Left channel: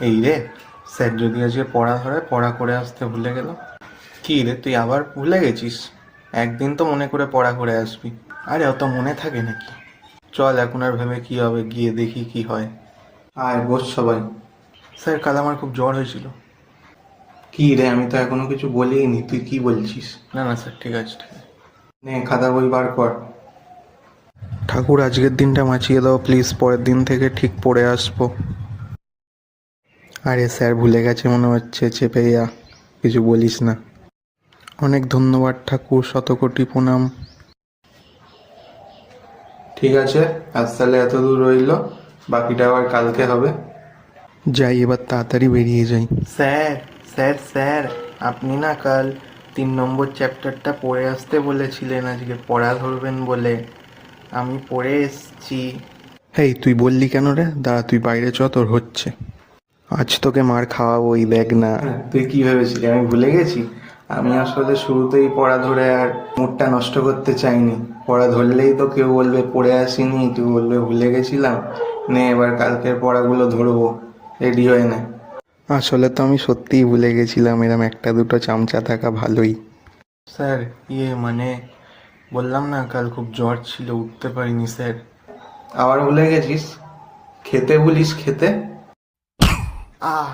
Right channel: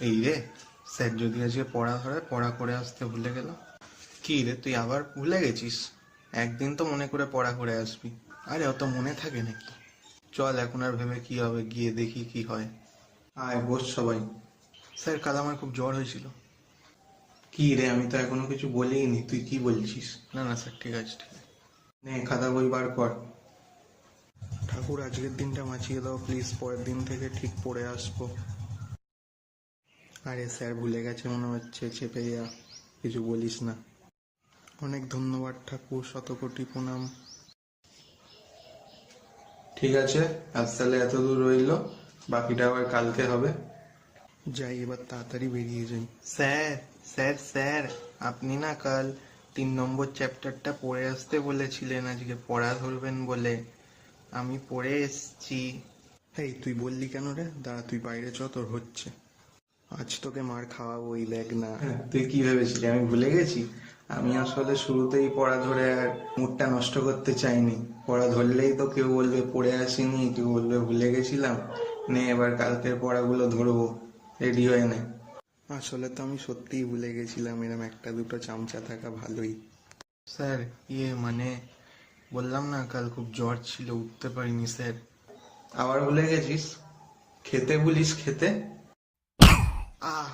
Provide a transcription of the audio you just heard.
এই রে, স্যার যদি আজকে পড়া ধরে পড়া করে আসতে ভুলে গেল। কি রে, তুই আবার ভুলে গেছিস? একদিন তো মনে করে পড়া করে আসবি। আরে অত মনে থাকে নাকি? চল, এখন আর ভেবে কি হবে, গিয়ে দেখি কি হয়। আয় বস সবাই। স্যার, কাল আমার খুব জ্বর হয়েছিল। কি রে, আমি তো এখনো কিছু বলিনি, তুই কি বলছিস? না না স্যার, ঠিক আছে ঠিক আছে। নে, খাতা বই বার কর। ঠাকুর, আজকের দিনটা বাঁচিয়ে দাও প্লিজ, পরের দিন থেকে ঠিক পড়ে আসবো। আরে স্যার ভুলে গেছে মনে হচ্ছে, চেপে যা, কিছু বলিস না। অনেক ধন্যবাদ ঠাকুর, শতকোটি প্রণাম। ঠিক আছে, আজ তাহলে এত দূর রইলো, বাকিটা আবার কালকে হবে। যাই, এবার তাড়াতাড়ি বেরিয়ে যাই। স্যার, স্যার স্যার, আপনি না কাল 3 নম্বর চ্যাপ্টারটা পড়ে আসতে বলেছিলেন, আজকে পড়া ধরবেন বলে। আমি পড়ে এসছি। হেই, তুই বললি কেন রে? দাঁড়া, তুই বাইরে চ, তোর হচ্ছে। আজ তোকে মার খাওয়াবোই, দেখ না। তুই কি ভেবেছিলি আমি ভুলে গেছি? আমি আসলে শুরুতেই পড়া ধরে আর মুডটা নষ্ট করতে চাইনি। পড়া ধরলেই তো কেউ বলবে পড়ে আসিনি, কেউ বলবে ভুলে গেছিলাম। নে, এবার কালকের পড়াগুলো ধরবো, রেডি হয়ে নে। আসলে তো আমি সত্যিই ভুলে গেছিলাম, এরম একটা দুটো চামচা থাকা ভালোই। স্যার, মানে বললাম না কাল খুব জ্বর ছিল, উঠতে পারিনি স্যার। আবার ভুলে গেছিস? খেতে ভুলিস, খেতে। আহ